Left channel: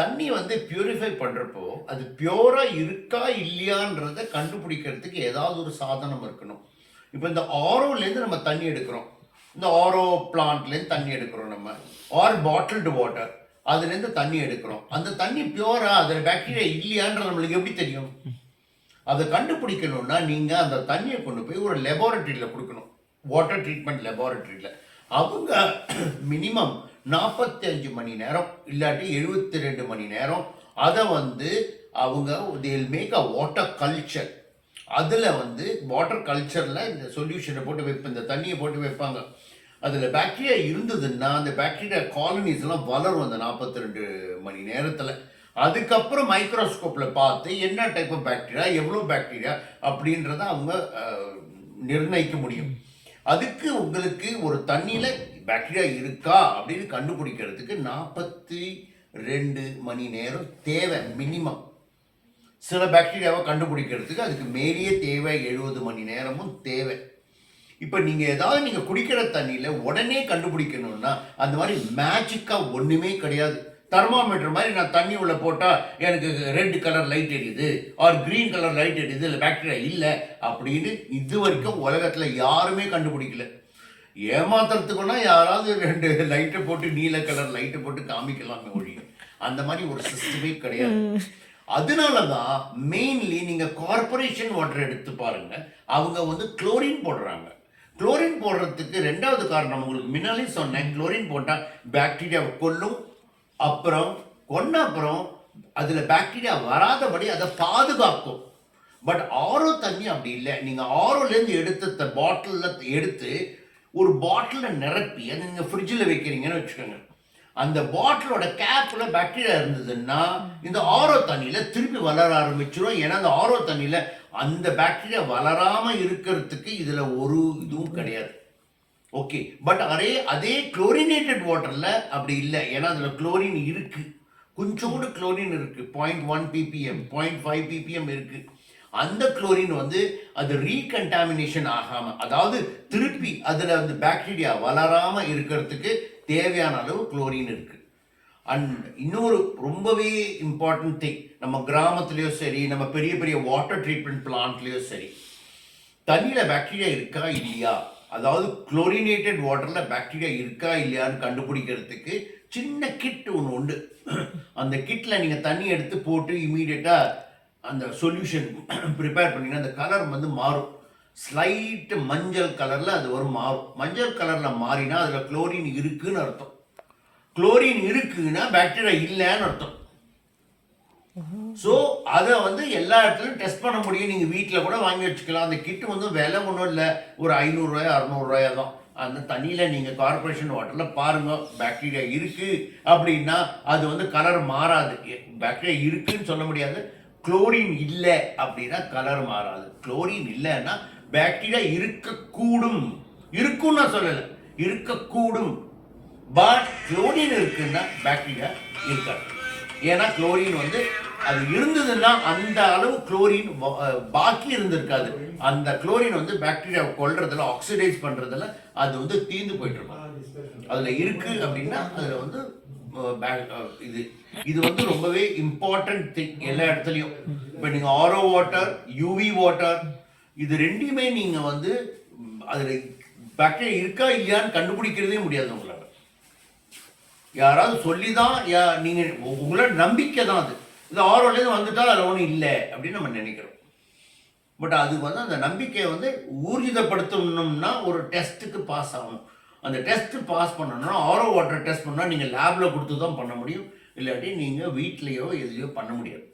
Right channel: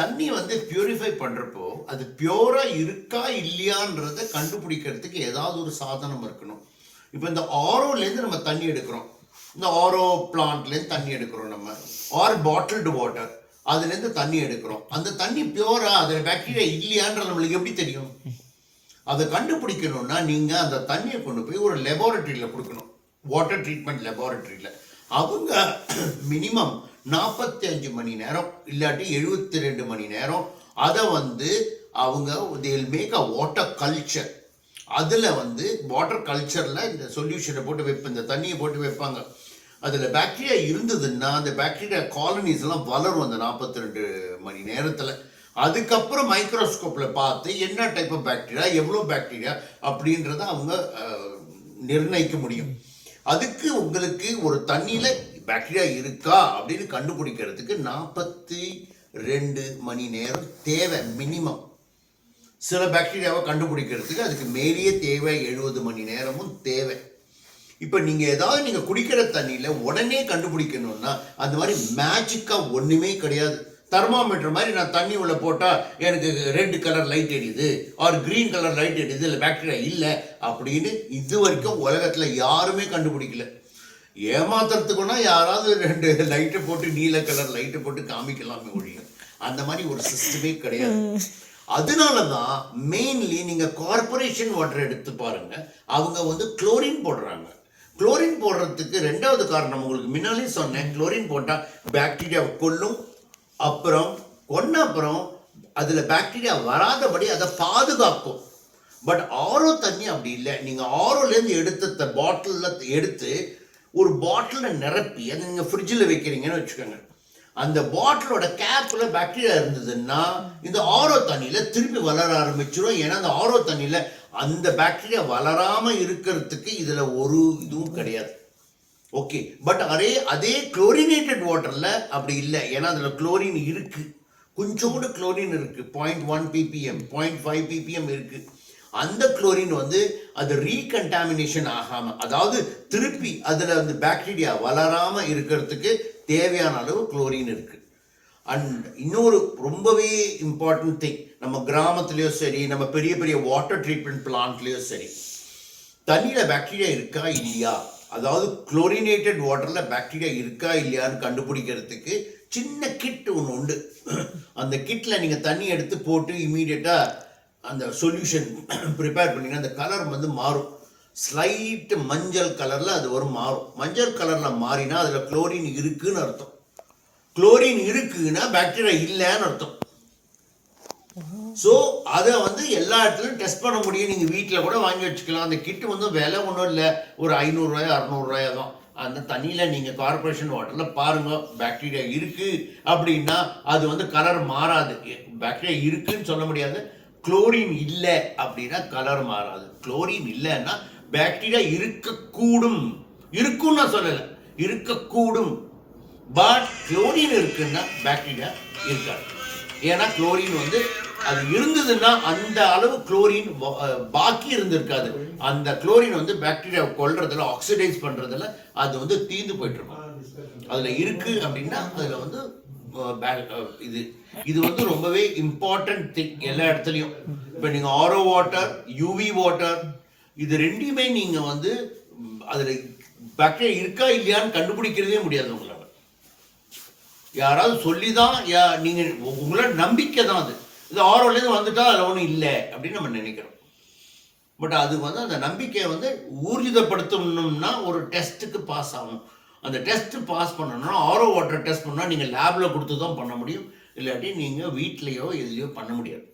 தண்ணி வந்து பியூரிஃபை பண்ணுறப்போ அது பியூராக இருக்கா இல்லையான்றதை கண்டுபிடிக்கிறதுக்கு ஏதாவது ஒரு சாதனம் இருக்கணும். இப்போ இந்த ஆரோலேருந்து நம்ம தண்ணி எடுக்கிறோம். இந்த ஆரோ பிளான்ட்லேருந்து தண்ணி எடுக்கிறோம் நம்ம. ஆர் பாட்டில்டு வாட்டர் அதுலேருந்து தண்ணி எடுக்கிறோம். அந்த தண்ணி பியூரா அதில் பாக்டீரியா இல்லையான்றது நம்மளுக்கு எப்படி தெரியும்? அதை கண்டுபிடிக்கணும்னா நீங்கள் அந்த தண்ணியை கொண்டு போய் ஒரு லெபார்ட்டரியில் கொடுக்கணும். வாட்டர் ட்ரீட்மெண்ட் லெபார்ட்டரியில் அவங்க மினிமம் நாற்பத்தி அஞ்சு மணி நேரம் இல்லாட்டி எழுபத்தி ரெண்டு மணி நேரம். அதை வந்து அவங்க தேல் மேக் அ வாட்டர் கல்ச்சர் அதில் வந்து வாட்டர் கல்ச்சரில் இந்த சொல்யூஷனை போட்டு வைப்பேன் இந்த தண்ணியை போட்டு வைப்பாங்க. அதில் பாக்டீரியா இருந்ததுன்னா அந்த பாக்டீரியா காலனிஸ்லாம் வளரும் அந்த நாற்பத்தி ரெண்டு மணி நேரத்தில். அதுக்கப்புறம் மைக்ரோஸ்கோப்பில் பார்த்து என்ன டைப் ஆஃப் பாக்டீரியா எவ்வளோ பாக்டீரியா அப்படின்றத அவங்க நிர்ணயிக்க முடியும். அதுக்கு உங்களுக்கு ஒரு தண்ணியில் பாக்டீரியா இருக்கா அப்படின்னு கண்டுபிடிக்கிறதுக்கு நாற்பத்தி ரெண்டு மணி நேரம் தேவை மினிமம் சில பாக்டீரியாவை கண்டுபிடிக்கிறதுக்கு அதுக்கு மேலேயே தேவை எழுபது மணி நேரமும் தேவை. இப்போ நீங்கள் ஏதாவது நீங்கள் குடிக்கிற தண்ணியில் உடனே கண்டுபிடிக்கணும்னா அந்த மாதிரி மேஜிக்காக ஒன்றுமே கிடையாது. தெர்மாமீட்டர் மாதிரி நான் தண்ணி உள்ளே போட்டால் எனக்கு ரெட் கலர் லைட் எரியுது ஆர் க்ரீன் கலர் லைட் எரியுது இல்லை பாக்டீரியா இல்லை அப்படின்னு இது வரைக்கும் உலகத்தில் யாருமே கண்டுபிடிக்கல. ஏமாத்துறதுக்குன்னா யாராவது ரெண்டு லைட்டை போட்டு நீல கலர் லைட்டை போட்டு காமிக்கலாமே ஒழியும் அந்த மாதிரி ஒரு சிஸ்டமே கிடையாது. அதனால தான் மெயின்லி நீங்கள் கார்ப்பரேஷன் வாட்டர் எடுத்து பாருங்க. அவங்க வந்து குளோரின் போடுறாங்க. குளோரின் போடுறதுக்கு ரெண்டாவது காரணம் உங்களுக்கு முன்னாலே சொன்னேன். குளோரின் போட்டால் பாக்டீரியாவை கொல்லும் அப்புறம் கொன்ன அப்புறம் அதில் பாக்டீரியா வராதபடி அதை பாதுகாக்கும். பட் ஆரோ தண்ணி அப்படி இல்லை. நீங்கள் ஆரோலேருந்து எடுத்த பாட்டிலில் எடுத்து ஒரு பாட்டிலில் நிரப்பி அதை நீங்கள் ஃப்ரிட்ஜில் வைக்கிறீங்கன்னு வச்சுக்கோங்க. அந்த பாட்டிலோட கேப்பில் பாக்டீரியா இருந்ததுன்னா இந்த ஆரோ தண்ணியில் திருப்பி வளர ஆரம்பிச்சிடும் ஏன்னா அந்த ஆரோ தண்ணியில் அந்த பாக்டீரியா வளராமல் இருக்கிறதுக்கு இதில் ஒரு இதுவும் கிடையாது. ஓகே பட் அதே அதே குளோரினேட்டட் வாட்டரில் அப்படி இல்லை. ஏன்னா அதில் குளோரின் இருக்குது கொஞ்சம் கூட குளோரின் இருக்குது point one PPM point five PPM இருக்குது அந்த குளோரின் வந்து அது ரீகண்டாமினேஷன் ஆகாமல் அதாவது திருப்பி அதில் வந்து பாக்டீரியா வளராமல் இருக்கிறதுக்கு தேவையான அளவு குளோரின் இருக்குது அண்ட் இன்னொரு ரொம்பவே இம்பார்ட்டன்ட் திங் நம்ம கிராமத்துலேயோ சரி நம்ம பெரிய பெரிய வாட்டர் ட்ரீட்மெண்ட் பிளான்ட்லேயோ சரி தண்ணியில் பாக்டீரியா இருக்கா இல்லையா? அதாவது குளோரினேட்டட் வாட்டரில் பாக்டீரியா இருக்கா இல்லையான்னு கண்டுபிடிக்கிறதுக்கு சின்ன கிட் ஒன்று உண்டு. அந்த கிட்டில் நீங்கள் தண்ணி எடுத்து போட்டு இமீடியட்டாக அந்த சொல்யூஷன் ப்ரிப்பேர் பண்ணிங்கன்னா அந்த கலர் வந்து மாறும். ஸ்லைட் மஞ்சள் கலரில் அது வரும் மாறும். மஞ்சள் கலரில் மாறினா அதில் குளோரின் இருக்குன்னு அர்த்தம். குளோரின் இருக்குன்னா பாக்டீரியா இல்லைன்னு அர்த்தம். ஸோ அதை வந்து எல்லா இடத்துலையும் டெஸ்ட் பண்ண முடியும். நீங்கள் வீட்டில் கூட வாங்கி வச்சுக்கலாம். அந்த கிட்டு வந்து விலை ஒன்றும் இல்லை. ஒரு ஐநூறுரூவாயோ அறநூறுவாயோ தான். அந்த தண்ணியில் நீங்கள் கார்பரேஷன் வாட்டரில் பாருங்கள் பாக்டீரியா இருக்குது அப்படின்னா அது வந்து கலர் மாறாது. பாக்டீரியா இருக்குதுன்னு சொல்ல முடியாது. குளோரின் இல்லை அப்படின்னா கலர் மாறாது. குளோரின் இல்லைன்னா பாக்டீரியா இருக்கக்கூடும். இருக்குன்னு நான் சொல்லலை. இருக்கக்கூடும். பட் குளோரின் இருக்குன்னா பாக்டீரியா இருக்காது. ஏன்னா குளோரின் வந்து அது இருந்ததுன்னா அந்த அளவு குளோரின் பாக்கி இருந்திருக்காது. அந்த குளோரின் வந்து பாக்டீரியாவை கொள்றதுல ஆக்சிடைஸ் பண்றதுல அது வந்து தீந்து போயிட்டு இருக்கும். அதுல இருக்கு அப்படின்னா அதுல வந்து இது இது வந்து ரொம்பவே இம்பார்ட்டன்ட் திங் எல்லா இடத்துலையும். இப்போ நீங்கள் ஆரோ வாட்டர் யூவி வாட்டர் இது ரெண்டையுமே நீங்கள் வந்து அதில் அதுல பாக்டீரியா இருக்கா இல்லையான்னு கண்டுபிடிக்கிறதே முடியாது உங்களால். யாராவது சொல்லி தான் யா நீங்கள் உங்களோட நம்பிக்கை தான் அது. இது ஆரோலேருந்து வந்துட்டா அதில் ஒன்றும் இல்லை அப்படின்னு நம்ம நினைக்கிறோம். பட் அது வந்து அந்த நம்பிக்கையை வந்து ஊர்ஜிதப்படுத்தணும்னா ஒரு டெஸ்ட்டுக்கு பாஸ் ஆகணும். அந்த டெஸ்ட்டு பாஸ் பண்ணணும்னா ஆரோ வாட்டர் டெஸ்ட் பண்ணால் நீங்கள் லேபில் கொடுத்து தான் பண்ண முடியும். இல்லாட்டி நீங்கள் வீட்லேயோ எதுலையோ பண்ண முடியாது.